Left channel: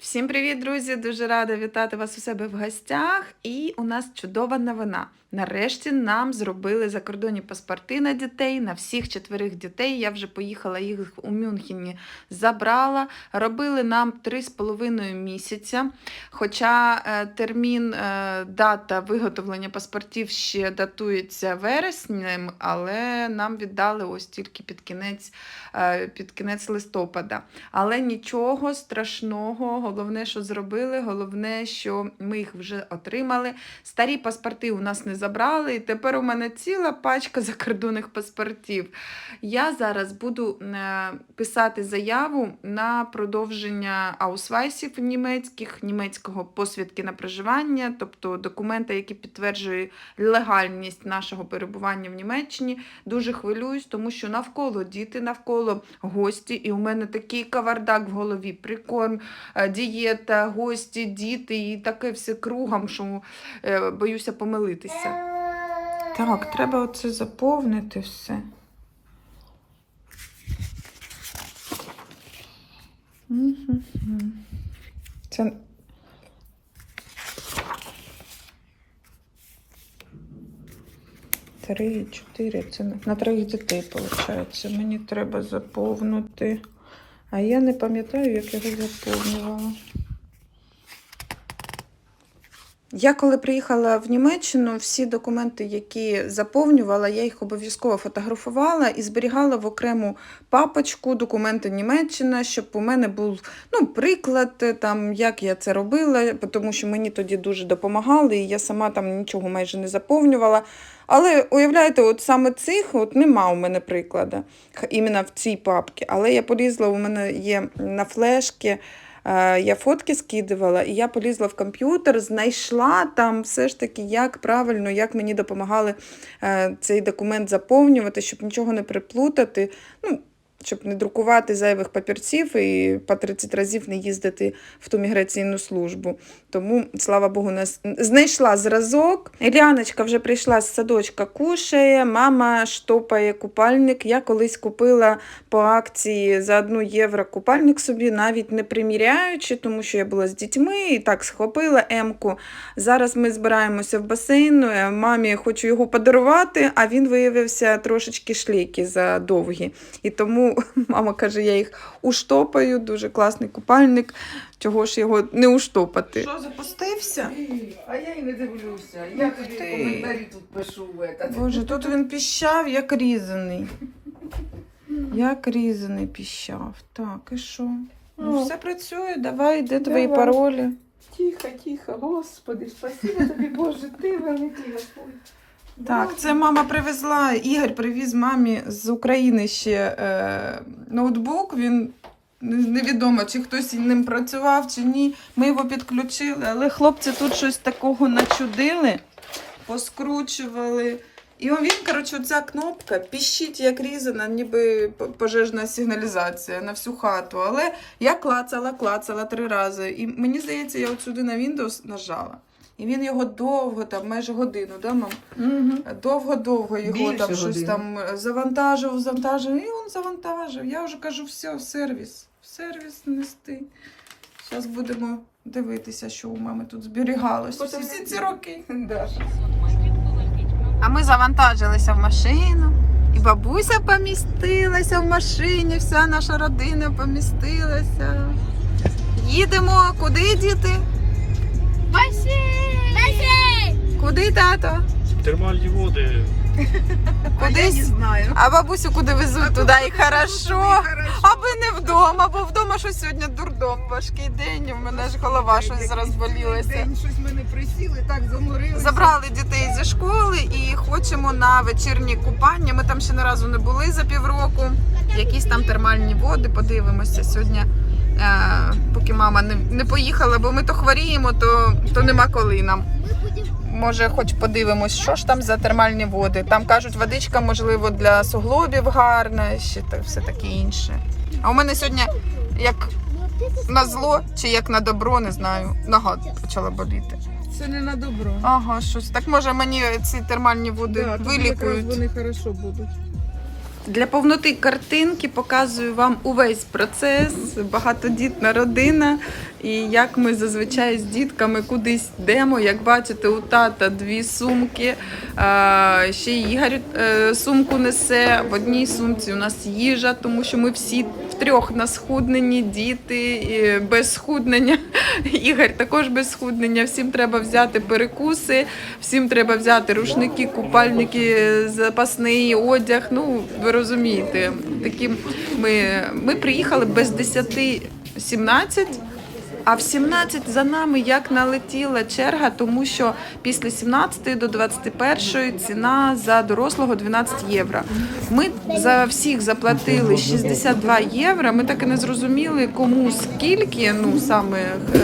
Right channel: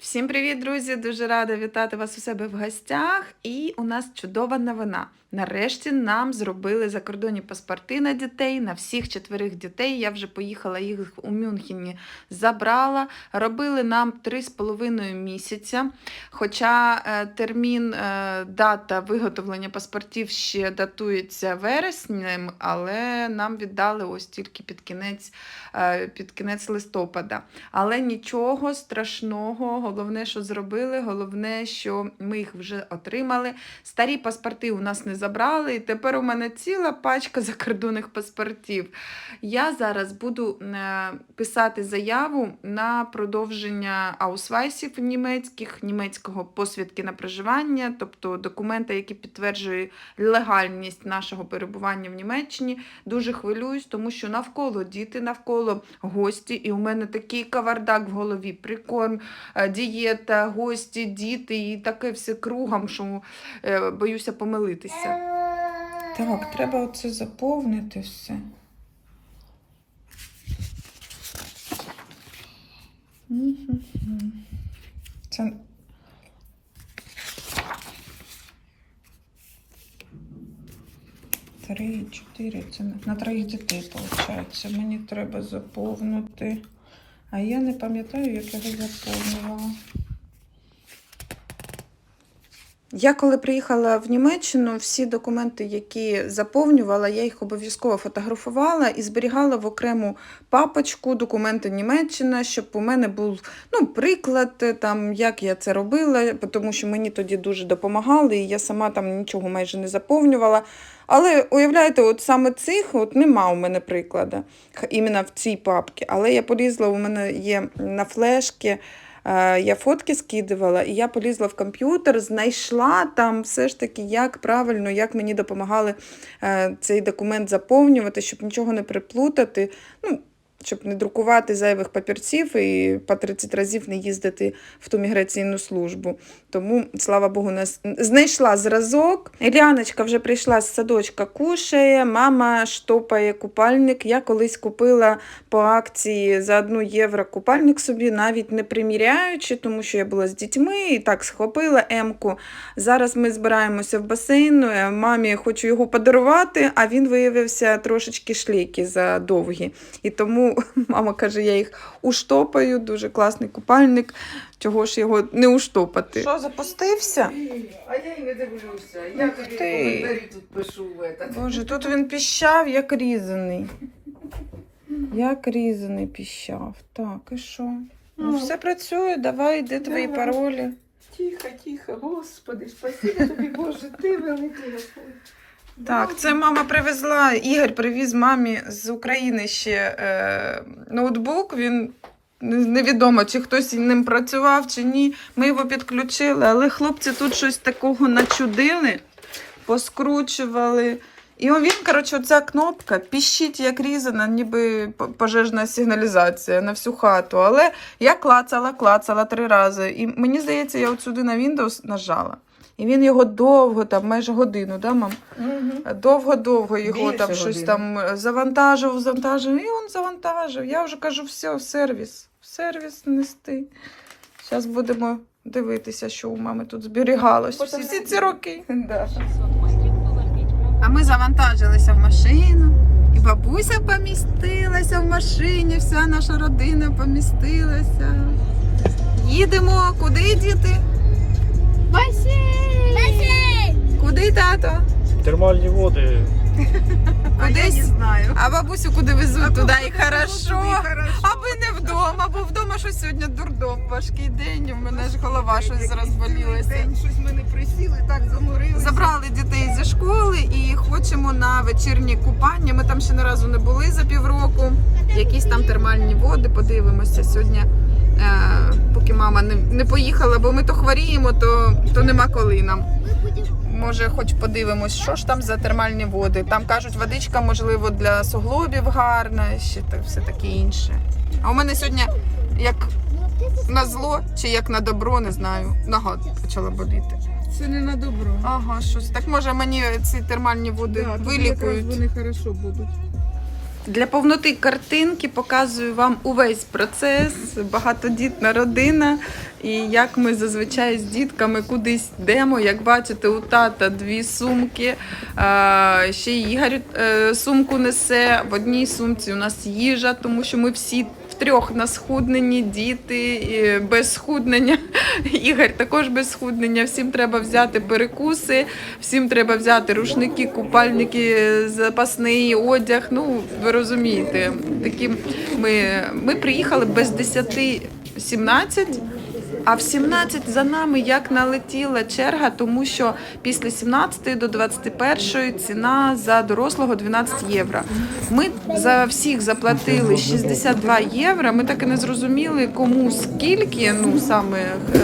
Всім привіт, друзі! Дуже рада вітати вас у себе в гостях. І у нас чудова новина. Нарешті нам зробили закордонні паспорти на дітей, на всіх четверих дітей. Я вже поїхала їх у Мюнхені, забрала. Робили нам 3,5 місяця. Хоча е, термін, е, дата виготовлення паспортів ще датується вереснем, але нам віддали ось тільки під кінець, е, під кінець листопада. Але нічого страшного, головне, що зробили, головне, що ми їх вже отримали. Старі паспорти у нас не забрали, і тепер у мене ціла пачка закордонних паспортів. Я зараз буду е, писати заяву на продовження аусвайсів німецьких, німецького посвідки на проживання, тобто документи, які підтверджують легальність нашого перебування в Німеччині. Дуже хвилююсь, тому що навколо діти, навколо гості, і у мене такий кавардак в голові. Прикорм, е, дієта, гості, діти, і таке все кругом, що е, боюся помилитися. Так, треба оце заповнити все. Це Три, чотири. Це на- троїх дітей, виходить. Мені треба заповнити. А я не пам'ятаю, як його заповнювала. Я коли приїхала в Німеччину, всі документи, які заповнювала, я їх обов'язково фотографувала і зберігала в окрему папочку документи Німеччина, щоб у мене був ну, приклад, е, там, як я це робила, тому що мені тоді дуже допомагали, і я сама там нічого майже не заповнювала. Але уявляєте, от саме цих от нема у мене прикладу, іменно в цій папці. Але я полізла, у мене є на флешки. Е, Я фотки скидувала, і я полізла в комп'ютер, знайшла там все ж таки, як правильно, як мені допомагали е, цей документ заповнювати, щоб нічого не приплутати. Ну, щоб не друкувати зайвих папірців і по 30 разів не їздити в ту міграційну службу. Тому, слава Богу, нас знайшла зразок. Іляночка вже прийшла з садочка, кушає, мама штопає купальник. Я колись купила по акції за 1 євро купальник собі, навіть не приміряючи, тому що я була з дітьми і так схопила емку. Зараз ми збираємося в басейн. е, Мамі хочу його подарувати, а він виявився трошечки шлейки за довгі. І тому мама каже, я їх уштопаю. Дуже класний купальник. Чого ж його не уштопати? Що, запустився? А я й не дивлюся. Я тобі коментарі тут пишу. Боже, тут він піщав, як різаний. Як різаний піщав. Так, і що? Ну, Ну. все працює, давай, де твої Давай. паролі? Тихо, тихо, господи, спасибо тобі, Боже, ти великий Господь. Так, це мама привезла. Ігор привіз мамі з України ще е, ноутбук. Він невідомо, чи хтось ним працював, чи ні. Ми його підключили, але хлопці тут щось такого начудили, поскручували. І він, коротше, оця кнопка піщить, як різана, ніби пожежна сигналізація на всю хату. Але я клацала, клацала три рази. І мені здається, я от сюди на Windows нажала. І він його довго, там майже годину, да, мам? Довго-довго його Більше там щось години. там е, завантажив, завантажив, і він завантажив. Я вже кажу, все, в сервіс, в сервіс нести. Зараз будемо дивитися, що у мами тут зберігалося всі, всі ці роки. Да. А ми завантажилися в машину, і бабуся помістилася в машині, вся наша родина помістилася. Їдемо, куди діти? Куди тато? Термальні води. Кудись? знаю. А бабусю куди везуть туди і хорошо. Аби не вдома, бо вдома що сьогодні дурдом, важкий день. У мене ж голова щось розболілася. Щось ми не присіли, так заморилися. Забрали дітей зі школи і хочемо на вечірні купання. Ми там ще не разу не були за півроку. Якісь там термальні води, подивимося сьогодні. Е, поки мама не, не поїхала, бо ми то хворіємо, то, то нема коли нам. Може, хоч подивимось, що ж там за термальні води. Там кажуть, водичка, можливо, для суглобів гарна, ще та все таке інше. А у мене сьогодні, як на зло чи як на добро, не знаю, нога почала боліти. Це не на добро. Ага, щось. Так може мені ці термальні води Да, вилікують. Вони хорошо будуть. Для повноти картинки показую вам увесь процес, багатодітна родина, і як ми зазвичай з дітками кудись йдемо. Як бачите, у тата дві сумки. Ще Ігор е, сумку несе. В одній сумці у нас їжа, тому що ми всі втрьох на схудненні, діти без схуднення. Ігор також без схуднення. Всім треба взяти перекуси, всім треба взяти рушники, купальники, запасний одяг. Ну, ви розумієте, такі ми, ми приїхали без 10-17. А в 17 за нами як налетіла черга, тому що після 17 до 21 ціна за дорослого 12 євро. Ми за всіх заплатили 62 євро. Ми так і не зрозуміли, кому скільки. Ну саме е,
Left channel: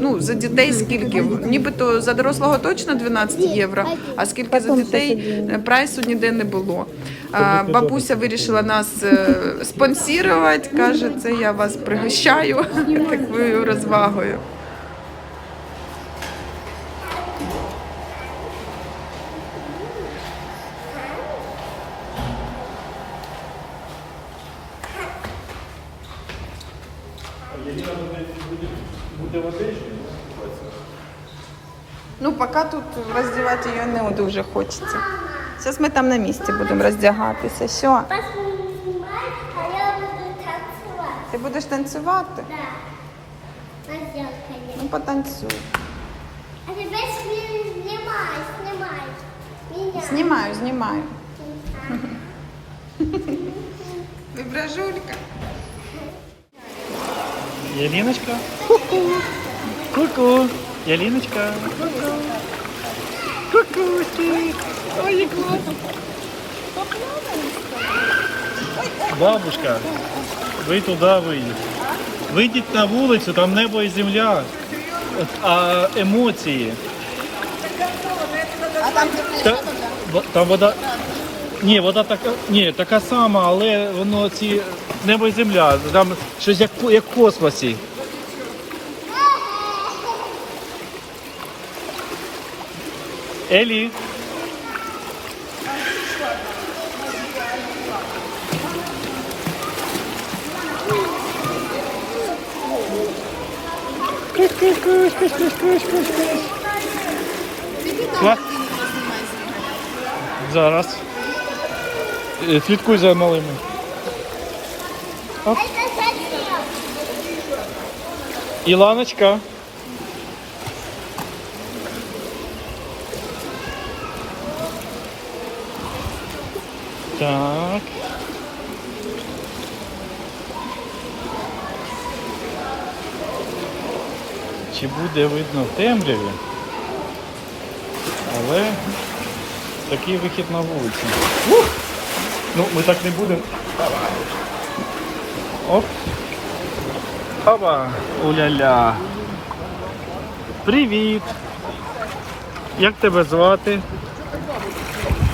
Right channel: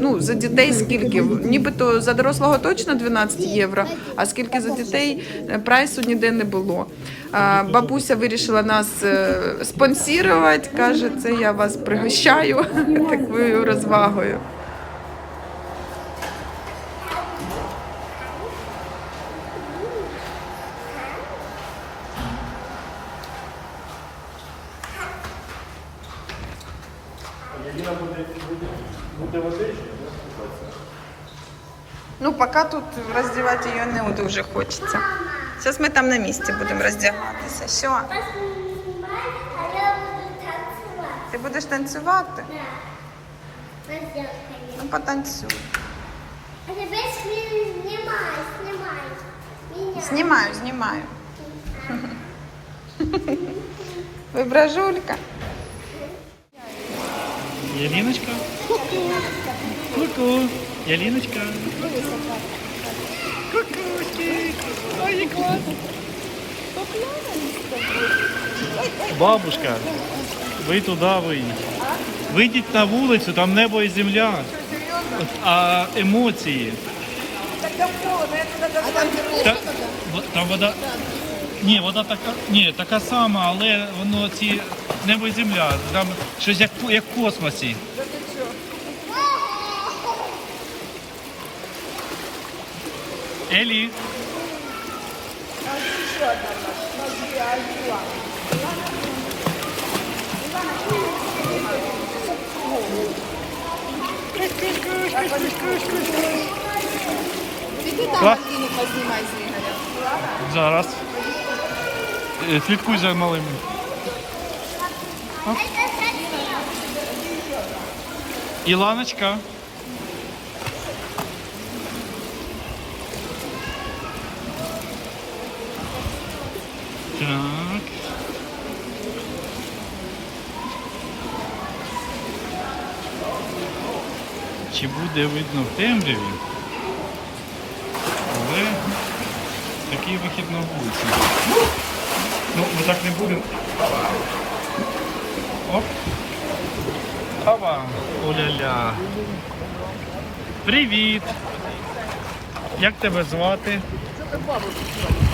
ну за дітей скільки. Нібито за дорослого точно 12 євро. А скільки за дітей е, прайсу ніде не було. А, бабуся вирішила нас е, спонсірувати. каже, це я вас пригощаю такою розвагою. Ну, поки тут роздівати її не дуже хочеться. Зараз ми там на місці будемо роздягатися. Що? Вас не знімають, а я буду танцювати. Ти будеш танцювати? Да. Розділкою. Ну, потанцюй. А тебе він знімає, знімає. Меня. Знімаю, знімаю. Вибражулька. Ялиночка. Ку-ку. Ялиночка. Ку-ку. Кукушки. Ой, класно. Бабушка, ви туди вийдіть. Вийдіть на вулицю, там небо і земля. А емоції. Та, во- там вода. Ні, вода така, ні, така сама, але воно ці небо і земля. Там щось як, як в космосі. Елі. Що? Зараз. Е, Слідкуй за малими. Оп. Іланочка. Так. Чи буде видно в темряві? Але такий вихід на вулицю. Ну, ми так не будемо. Оп. Опа. Уля-ля. Привіт. Як тебе звати?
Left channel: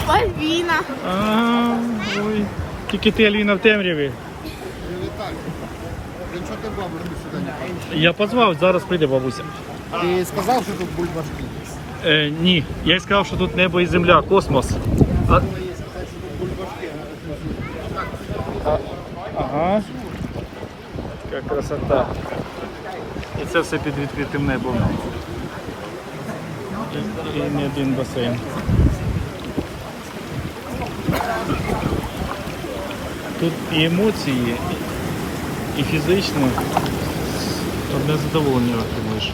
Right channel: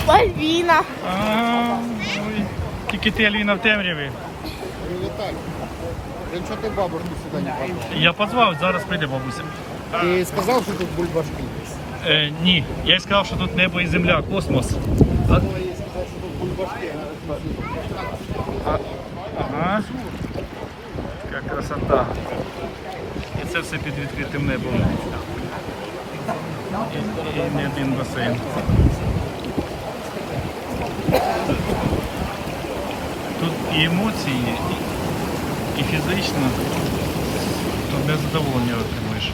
Пальвіна. А, ой. Тільки ти Аліна в темряві. Якщо ти бабушку сюди не позвав. Я позвав, зараз прийде бабуся. Ти сказав, що тут бульбашки? Е, ні, я їй сказав, що тут небо і земля, космос. А, їй сказати, що тут бульбашки. ага. Яка красота. І це все під відкритим небом. І, і не один басейн. Тут і емоції, і фізично. то не задоволення отримуєш.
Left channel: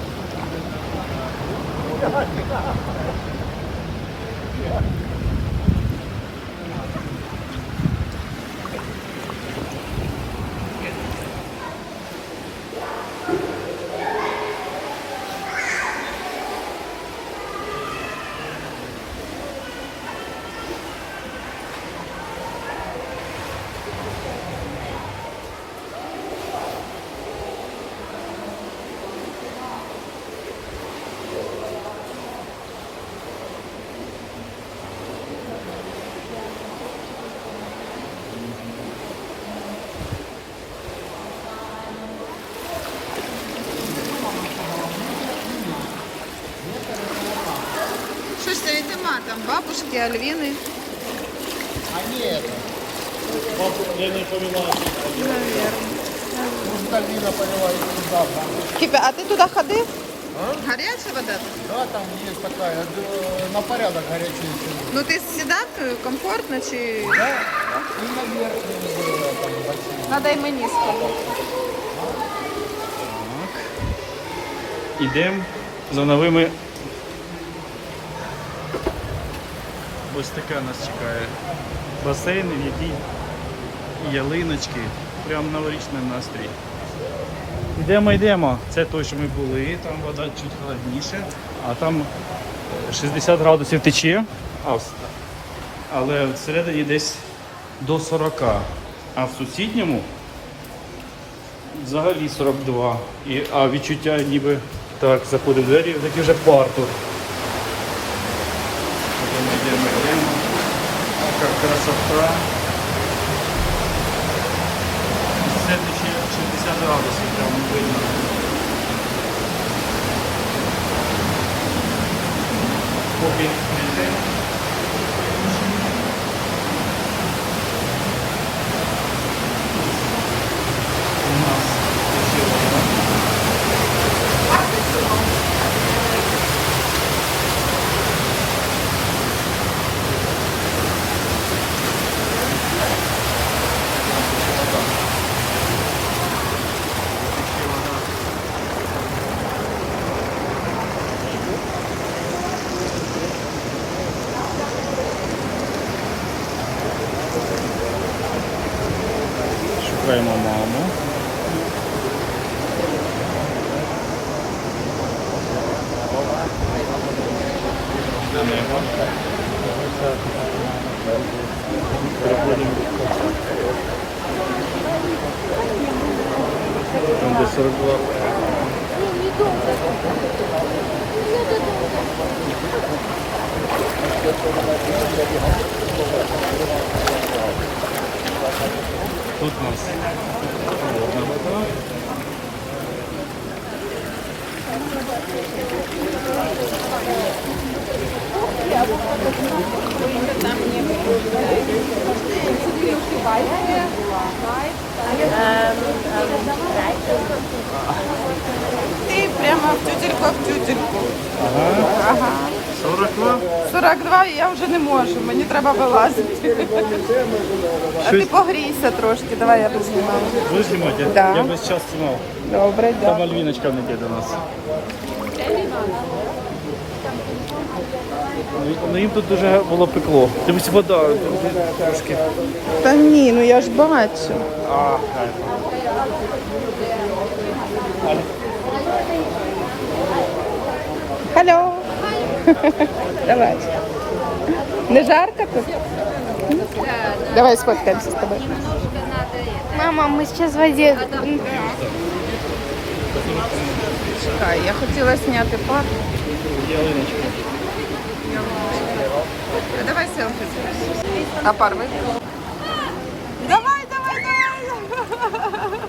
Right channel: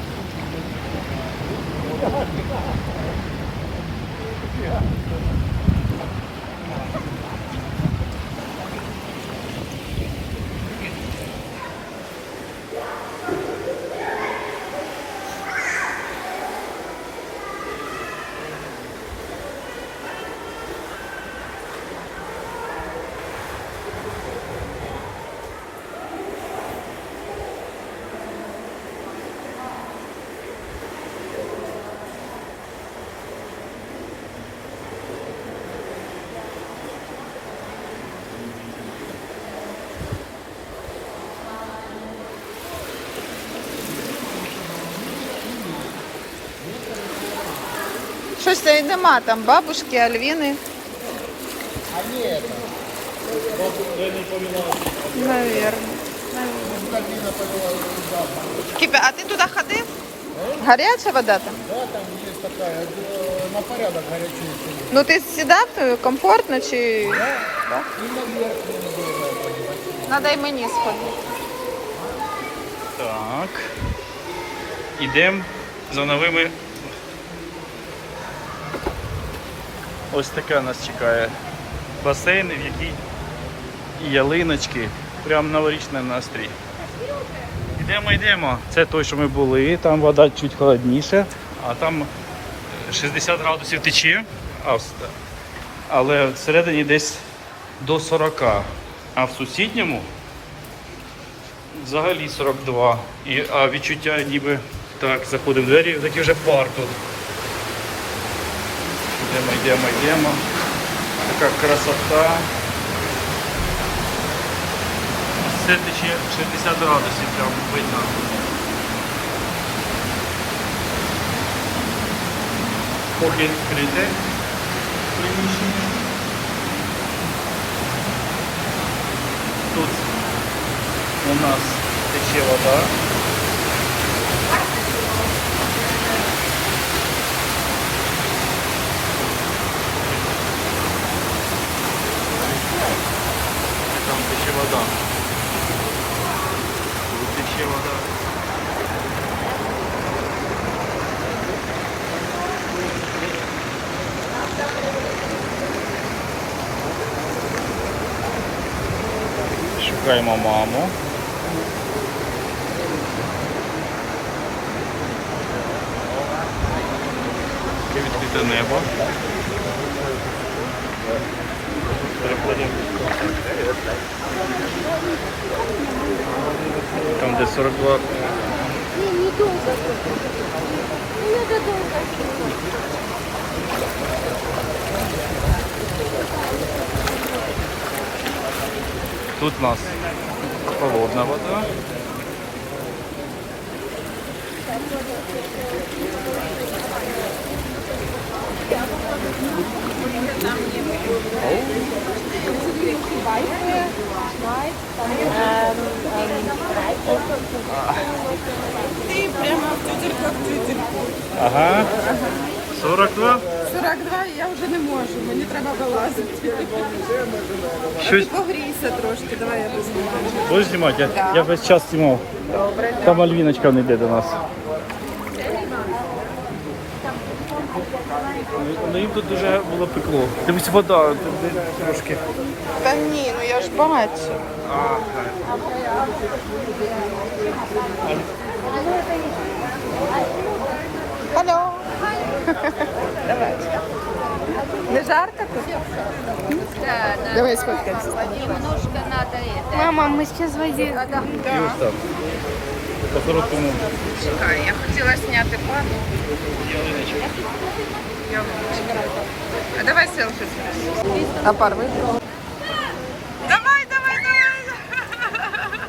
Щось нема там бабушки, Альвіни. А ні, це. Ви не поміняли. Наверно. Повела их туда. Кіпе, а ти туди ходив? Гаряча вода там? Да, там есть такая, э, на порядок горячее. Ну ти сідав е, комфортно чи. И наверх не было там. Надо й мені сходити. Так. Ідемо за новими. Ось таке нас чекає. Басейни, в якій ялиночки. Прям новорічний настрій. Йдемо, йдемо. Це той, що ми були, там вода чуть холодніша, а там е, 60 градусів тече, але всередині десь до 40. А в сусідньому Взагалі 42. І, а відчуття ніби так, заходив в двері, такий вже пар тут. Йдемо, йдемо, йдемо. Така красота. Все тече 60 градусів, прям видно. Поки прийде. Тут у нас тече вода. Там тече вода. Тут тече вода. Шукаємо маму. Відкрите небо. Там де 42. Тут нас холодна вода. Ти прямо в тютельку, в тютельку. Ага. Ага. 42. 42 і я вже не можу, мені треба вилазити. А Щось- ти погрійся трошки, давай я познімаю. Будеш знімати? Я, Да. я весь час знімав. Добре, Там дякую. Альвіночка не йде до нас. Ну їм тут дуже було пекло. Дивись, вода трошки. Та ні, ну я ж бачу. Алло. Давай. Не жарко тут? Давай сфоткаемся с тобой. Мама, мы сейчас в воде. По-хорошому. Чекай, я хотіла зняти плату. А давай селфі. А пар вибрав? Давай, давай, давай.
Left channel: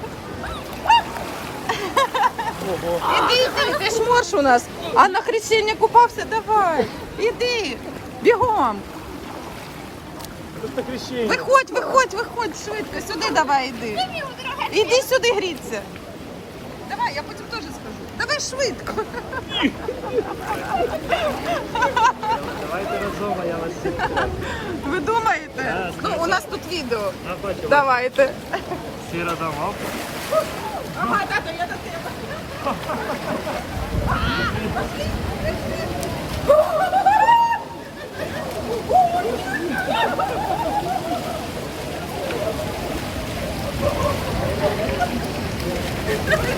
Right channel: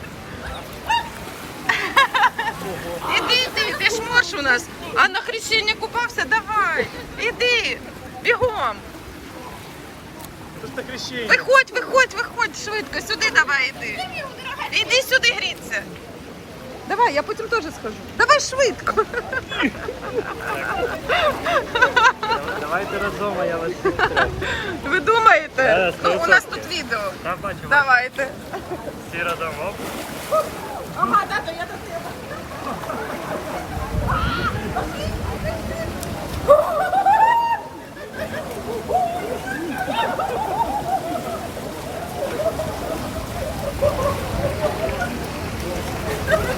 Іди, іди, ти ж морж у нас. А на хрещення купався, давай. Іди, бігом. Виходь, виходь, виходь швидко, сюди давай іди. Іди сюди гріться. Давай, я потім теж схожу. Давай швидко. Ви думаєте? Ну, у нас тут відео. Давайте. Сіра давав. Ага, тато, я до тебе.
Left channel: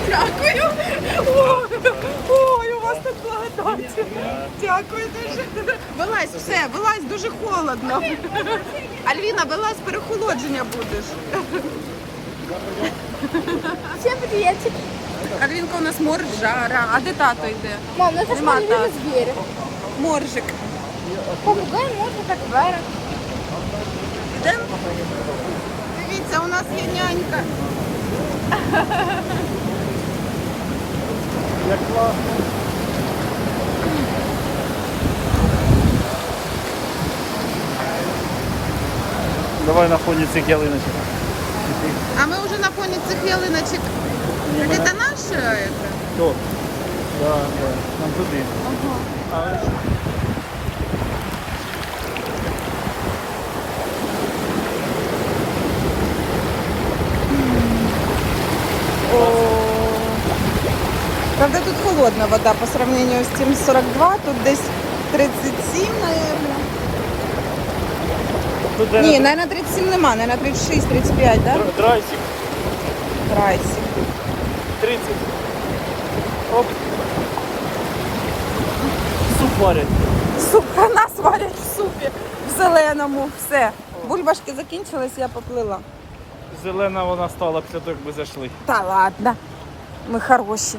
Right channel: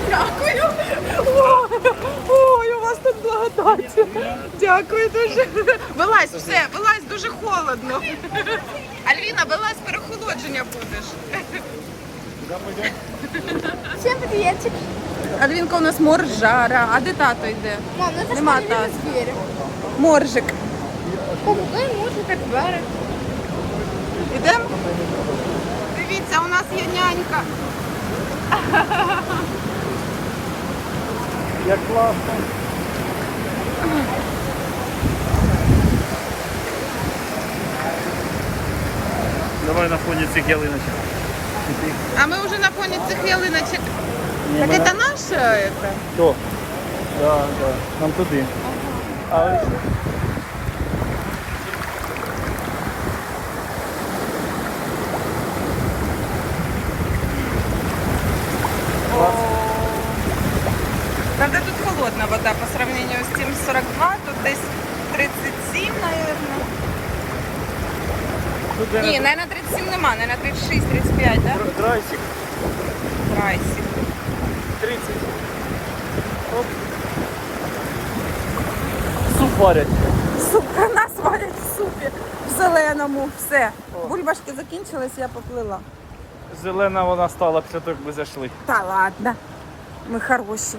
Дякую. О, Ой, у вас тут благодать. Дякую дуже. Вилазь, все, вилазь, дуже холодно. Альвіна, вилазь, перехолодження будеш. Всем приветик. Альвінка у нас моржара. А де тато йде? Мам, Нема же Моржик. Попугай может как бара. Ідемо? Дивіться, у нас є нянька. Давай Давай на фоні цих ялиночок. А ми вже на фоні цих ялиночок. Так це наше? Это? Да, да. Нам туди. Ага. А, Правда, тут холодна вода по сравнению з тим 42, тут десь 37, наверное. Тут Ні, Ні, наверное, 37 нема, наверное, 36, 35, да? Трайсик. Трайсик. 30. Оп. Суп варять. Суп нас варять в супі, в зеленому, все. Бульбашки закінчились, я поплила. Зелена вона стала після того, як зайшли. Та ладно, ми хороші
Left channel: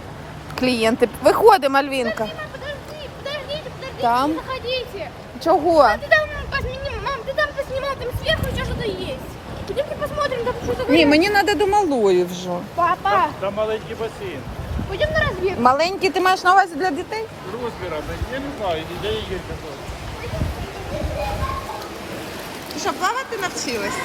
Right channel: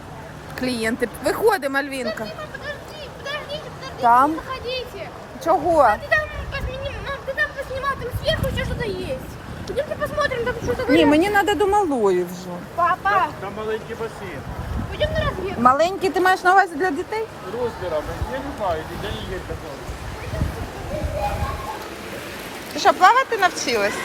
клієнти. Виходимо, Альвінка. Подождите, подождите, подождите. Там? Выходите. Чого? Ты там поснимай, мам, ты там поснимал, там сверху еще что-то есть. Пойдемте посмотрим, там что такое. Ні, мені треба до малої вже. Папа, Там, там маленький басейн. пойдем на разведку. Маленький ти маєш на увазі для дітей? Розмірами, я не знаю, я їй казав. Ти що, плавати навчилася?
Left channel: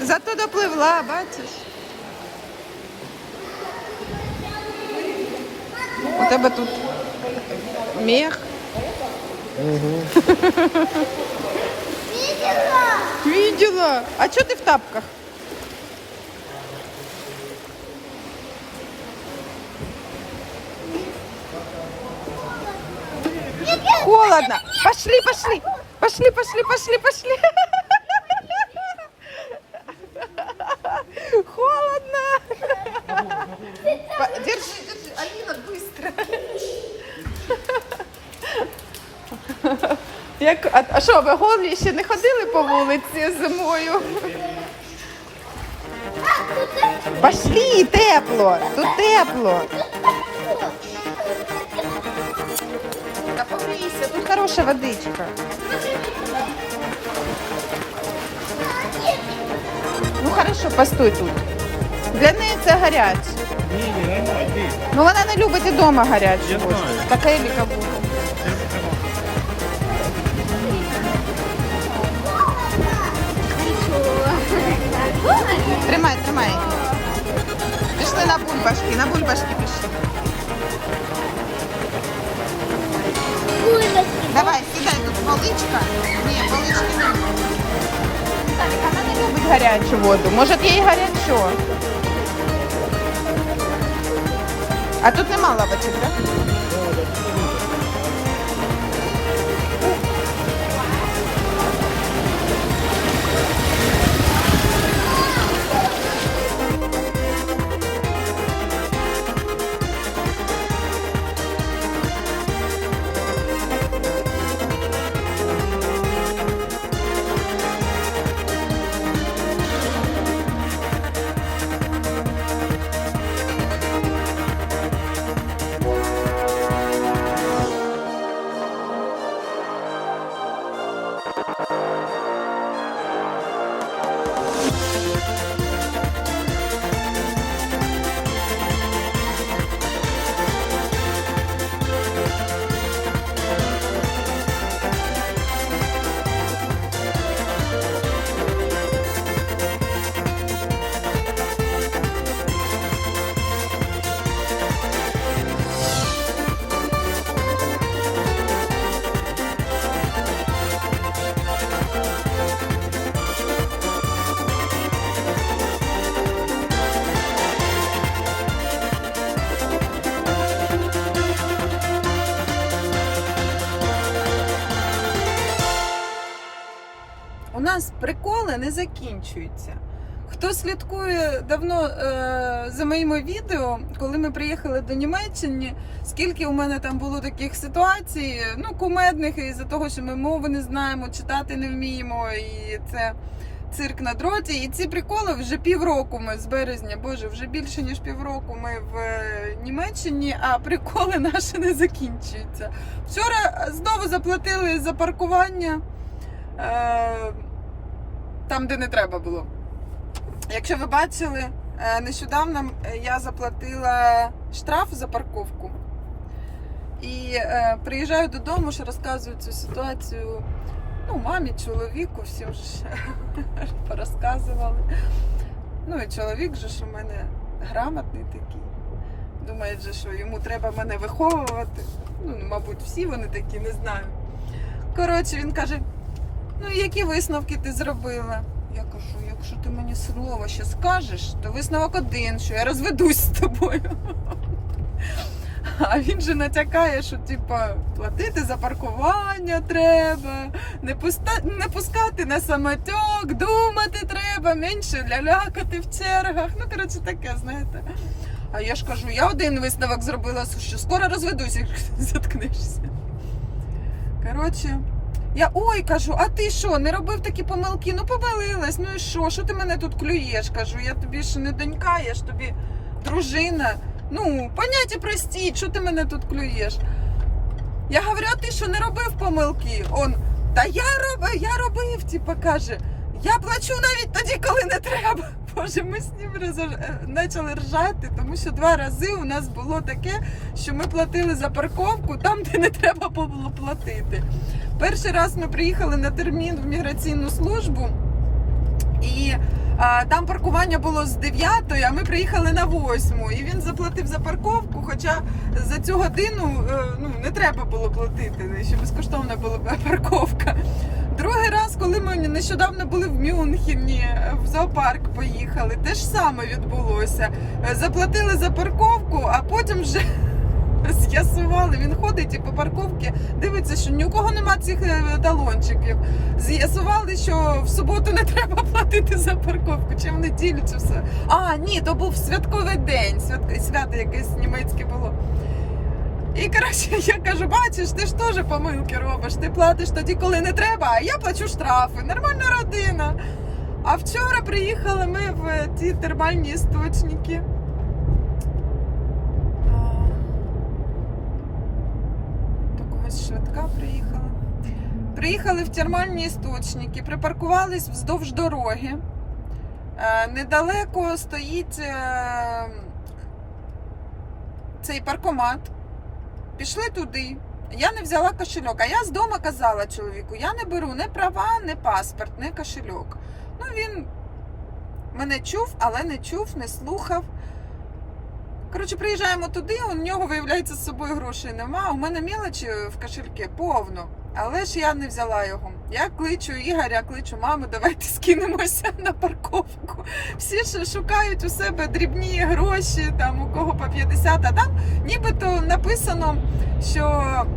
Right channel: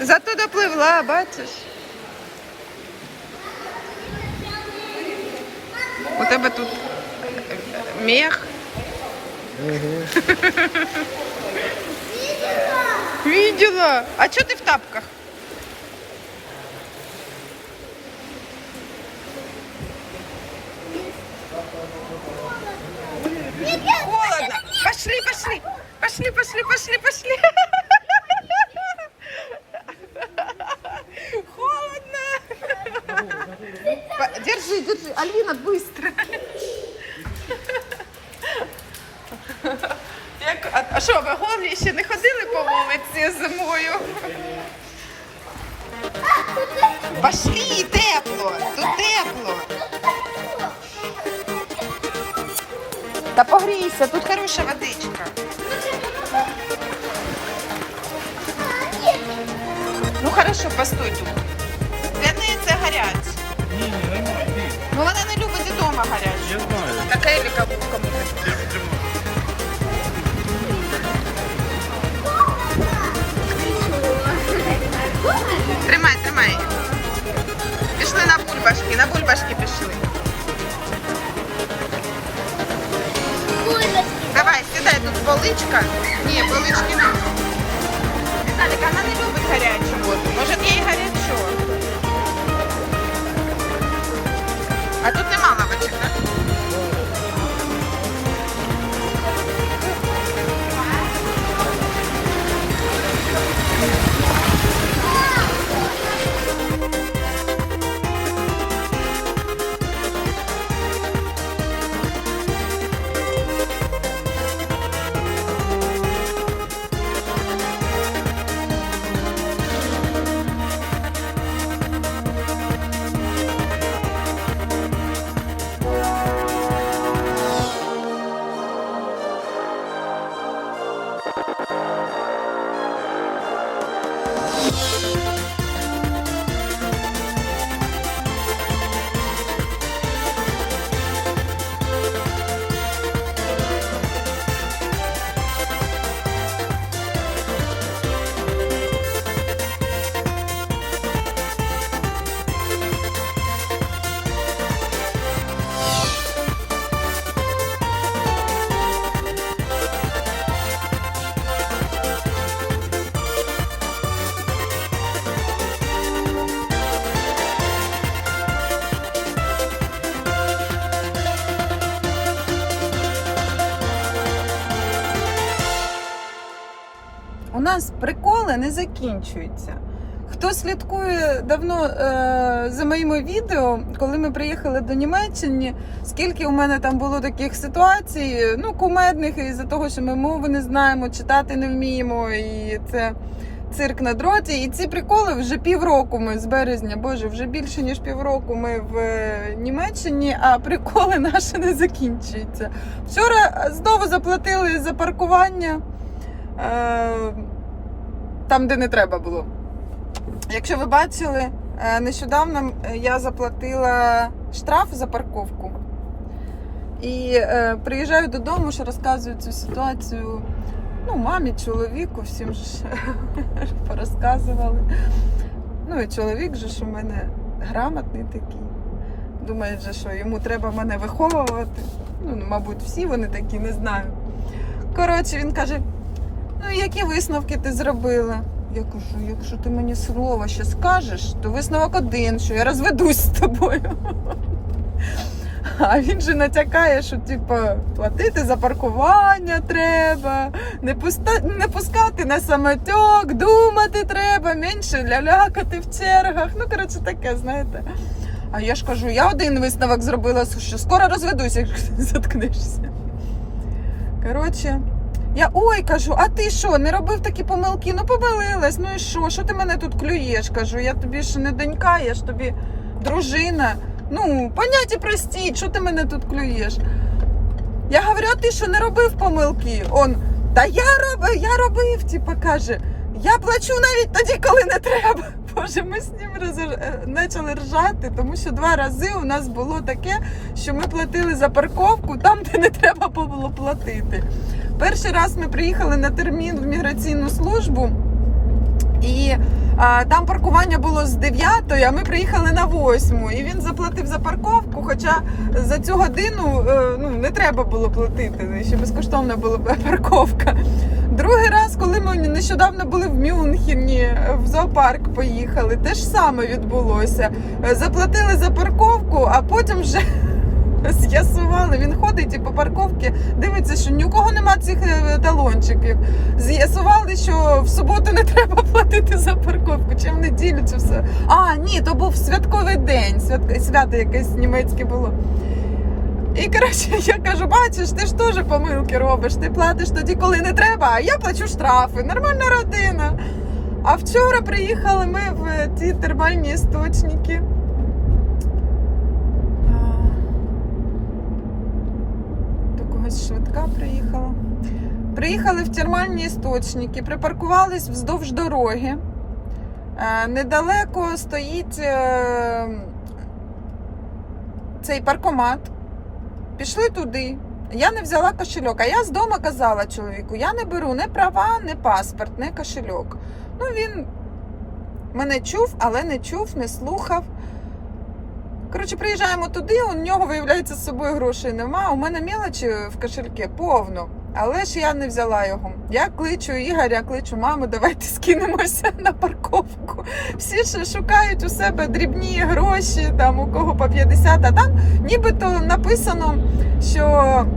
Зато допливла, бачиш? У тебе тут мех. Видела. А что ты в тапках? Холодно. Пошли, пошли. Пошли, пошли, пошли, пошли. Холодно. Держи, держи. Алина, быстро. Як, а, а що, ви голі ще не ходили по вулиці зимою? Пошли, тепло, тут тепло. Та погрійся, тут хороша водичка. Ну хорошо, постой тут. Для неї це гаряче. Ні, ні, ні. Ну вона не любить і вдома гаряче. Я знаю. Така Еліка була. Тримай, тримай. Пішли на бульбашки, на бульбашки пішли. Давай, сідай тут поличка. Ні, полички не. Так, вона не любить гарячу воду. Може, їй гарячу. Приколи не закінчуються. Хто слідкує давно е, за моїми відео, коли ми приїхали до Німеччини, скільки у мене там було таких ситуацій, ну, кумедних, із-за того, що ми мови не знаємо, читати не вміємо, і це, цирк на дроті. І ці приколи вже півроку ми з березня, боже, вже більше ніж півроку ми в е, Німеччині, а приколи наші не закінчуються. Вчора знову заплатили за паркування е, там, де не треба було. Якщо ви бачили, е, нещодавно я заплатила штраф за парковку. І е, приїжджаю додому, що розказую цю ситуацію ну, мамі, чоловіку, всім ж порозказували. Ну і чоловік же ж у мене грамотний такий. Думає, же, що йому треба мене виховувати. Ну, мабуть, всі вони такі, не знаю. Коротше, він каже: ну які висновки ти зробила? Я кажу, якщо ти мені слово ще скажеш, то висновок один, що я розведусь з тобою. А він же натякає, що типу, платити за паркування треба, не, пуста... не пускати на самотек, думати треба, менше лялякати в чергах. Ну, коротше, таке, знаєте. А я ж кажу, я один висновок зробила, що скоро розведуся, якщо ти заткнешся. Коротше, я ой кажу, а ти що, не робив такі помилки? Ну помилилась, ну і що? Що ти мене тут клюєш? Кажу, я тобі ж не донька, я ж тобі дружина. Ну, поняття простіть, що ти мене тут клюєш? Я говорю, а ти що не робив помилки? Он, та я робив, я робив, типа каже, я плачу навіть тоді, коли не треба. Боже, ми з ним е, почали ржати, тому що два рази у нас було таке, що ми платили за парковку там, де не треба було платити. Перший раз ми приїхали на термін в міграційну службу. І а, там паркування було з 9, а ми приїхали на 8. І він заплатив за парковку, хоча за цю годину е, ну, не треба було платити, ще безкоштовна була парковка. Другий раз, коли ми нещодавно були в Мюнхені, в зоопарк поїхали, те ж саме відбулося. Заплатили за парковку, а потім вже з'ясували. Він ходить і по парковці дивиться, що ні у кого нема цих е, талончиків. З'ясували, що в суботу не треба платити за парковку, чи в неділю, чи все. А, ні, то був святковий день, свят... свято якесь німецьке було. І коротше, я кажу, бачиш, ти ж теж помилки робиш. Ти платиш тоді, коли не треба, а я плачу штрафи. Нормальна родина. А вчора приїхали ми в ті термальні істочники. До когось швидка приїхала. Приїхали в термальні істочники, припаркувались вздовж дороги. Е, Недалеко стоїть е, цей паркомат. Пішли туди. Я не взяла кошельок, а я з дому казала чоловіку: я не беру не права, не паспорт, не кошельок. Ну він мене чув, але не чув, не слухав. Коротше, приїжджаємо туди, у нього, виявляється, з собою грошей нема. У мене мілочі в кошельке повно. Але ж я не взяла його. Я кличу Ігоря, кличу маму, давайте скинемося на парковку. Всі ж шукають у себе дрібні гроші, там у кого по 50, а там нібито написано, що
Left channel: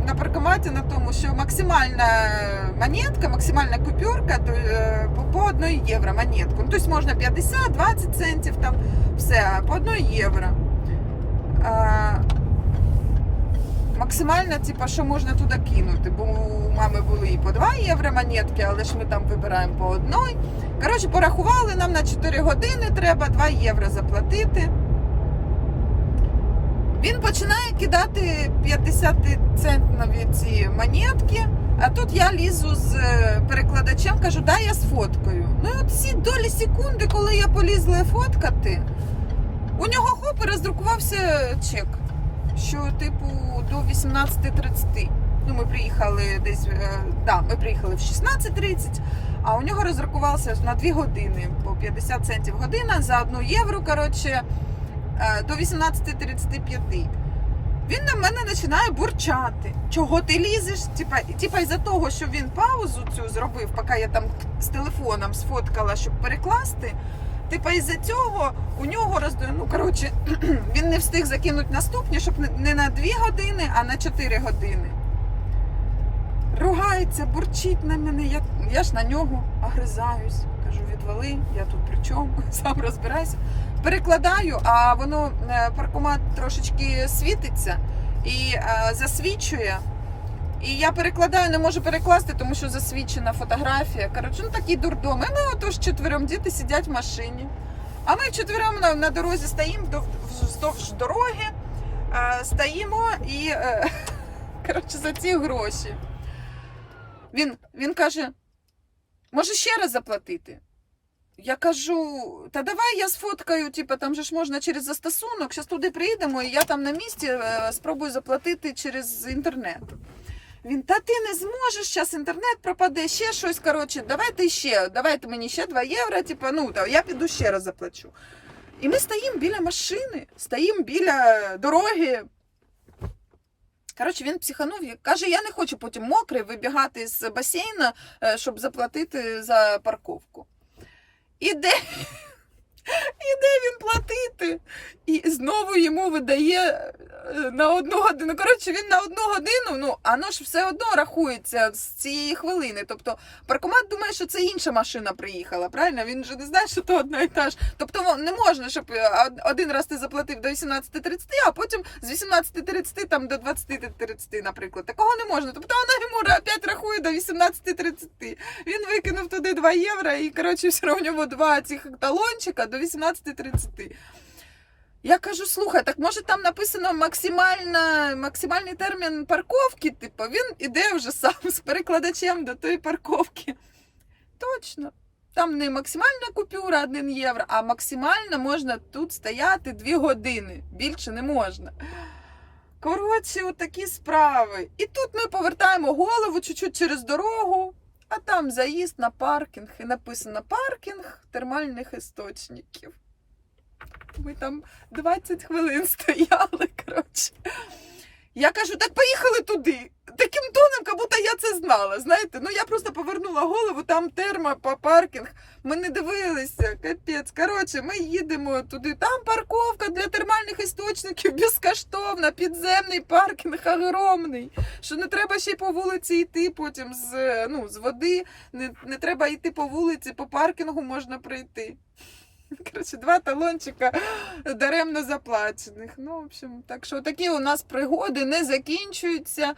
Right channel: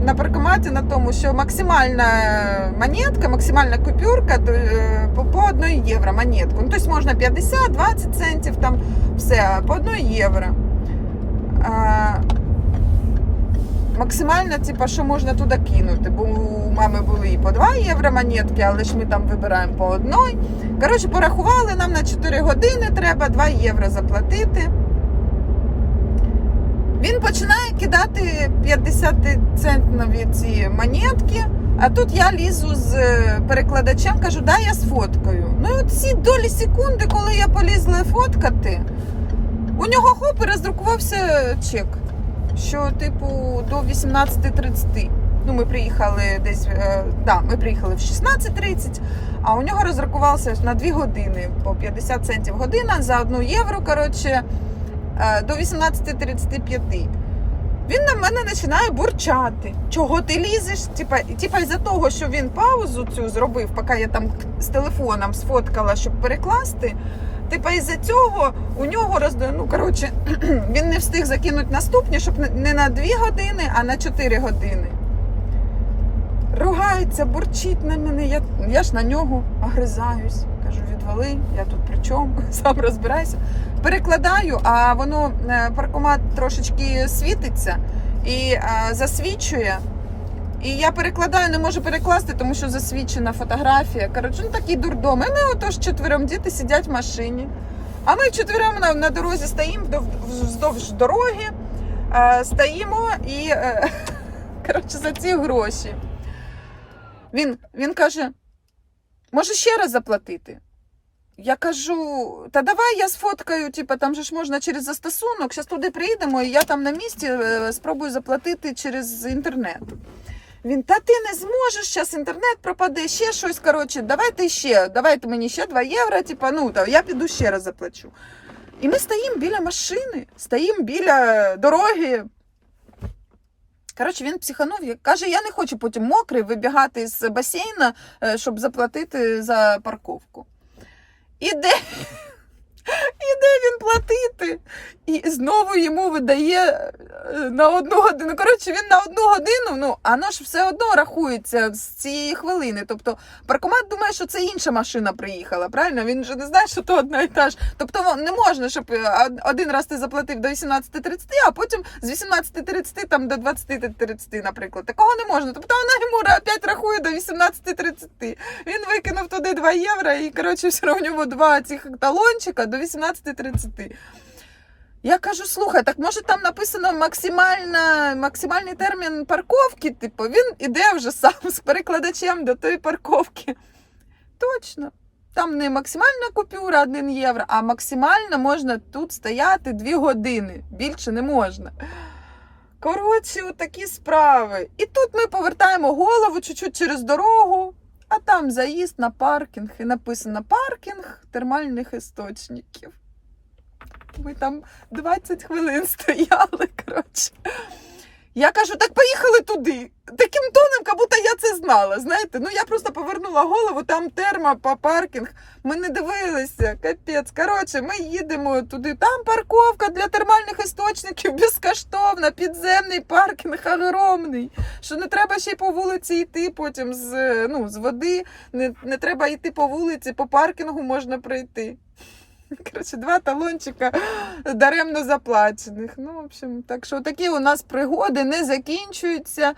на паркоматі на тому, що максимальна монетка, максимальна купюрка е, по, по 1 євро монетку. Ну, тобто можна 50, 20 центів, там все, по 1 євро. Максимально, типа, що можна туди кинути, бо у мами були і по 2 євро монетки, але ж ми там вибираємо по одній. Коротше, порахували, нам на 4 години треба 2 євро заплатити. Він починає кидати 50 центнові ці монетки, а тут я лізу з е, перекладачем, кажу, дай я сфоткаю. Ну і от ці долі секунди, коли я полізла фоткати, у нього хоп і роздрукувався чек, що типу до 18.30. Ну, ми приїхали десь, е, да, ми приїхали в 16.30, а у нього розрахувався на 2 години по 50 центів година за 1 євро, коротше, е, до 18.35. Він на мене починає бурчати. Чого ти лізеш? Типа, із-за того, що він паузу цю зробив, поки я там з телефоном сфоткала, щоб перекласти. Типа із-за цього у нього роздає. Ну коротше, він не встиг закинути наступні, щоб не- на 2 години, а на 4 години. Ругається, бурчить на мене. Я, я ж на нього огризаюсь. Кажу, відвали, я тут при чому, сам розбирайся. Перекладаю, а воно е, паркомат трошечки світиться і е, засвічує. І я перекладаю, не можу перекласти, тому що засвідчена фотографія. Коротше, ну такий дурдом. І ми отож четвером діти сидять в машині. А ми четвером на, на дорозі стоїмо вздовж дороги, е, стоїмо і е, коротше, за ці гроші. Він, він каже: може ще раз заплатити? Я кажу, та давай я сфоткаю, типу, там же ж можна через застосунок, зараз туди приїдемо, і я там на місці е, спробую заплатити через інтернет. Він, та ти не зможеш, зараз інтернет пропаде, ще щось. Коротше, давайте ще, давайте мені ще 2 євро, типу, ну, та, я піду ще раз заплачу. І ми стоїмо біля машини, стоїмо біля дороги. Коротше, він психанув, і каже, я не хочу потім мокрий вибігати з басейна, е, щоб заплатити за парковку. Іде, іде він платити. І знову йому видає е, на одну годину. Коротше, він на одну годину, ну, воно ж все одно рахується з цієї хвилини. Тобто паркомат думає, що це інша машина приїхала, правильно? Він же не знає, що то одна і та ж. Тобто не можна, щоб е, один раз ти заплатив до 18.30, а потім з 18.30 там до 20.30, наприклад. Такого не можна. Тобто вона йому опять рахує до 18.30. Він викинув туди 2 євро і, коротше, все нього два цих талончика до 18.30. Я кажу, слухай, так може там написано максимальна, максимальний термін парковки? Типу, він іде вже сам з перекладачем до тої парковки. Точно. Там не максимальна купюра 1 євро, а максимально можна тут стояти 2 години. Більше не можна. Коротше, отакі справи. І тут ми повертаємо голову чуть-чуть через дорогу, а там заїзд на паркінг. І написано паркінг термальних істочників. Ми там 20 хвилин стояли, коротше. Я кажу, так поїхали туди. Таким тоном, як будто я це знала. Знаєте, ну я просто повернула голову, там терма по паркінг. Ми не дивилися, капець. Коротше, ми їдемо туди. Там парковка для термальних істочників безкоштовна, підземний паркінг огромний. Що не треба ще й по вулиці йти потім з, ну, з води. Не, не треба йти по вулиці, по паркінгу можна пройти. Коротше, два талончика даремно заплачених. Ну, в общем, так що такі у нас пригоди не закінчуються.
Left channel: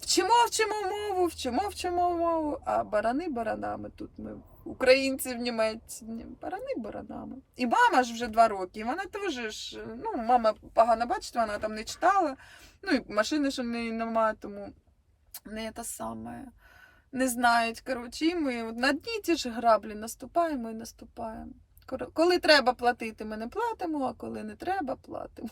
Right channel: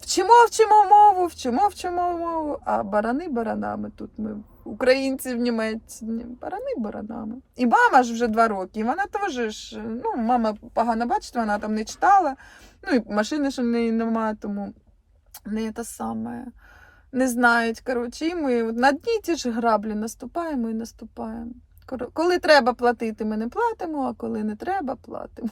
Вчимо, вчимо мову, вчимо, вчимо мову, а барани баранами тут ми, українці в Німеччині, барани баранами. І мама ж вже два роки, і вона теж ж, ну, мама погано бачить, вона там не читала, ну і машини ж у неї нема, тому не те саме. Не знають, коротше, і ми на дні ті ж граблі наступаємо і наступаємо. Коли треба платити, ми не платимо, а коли не треба, платимо.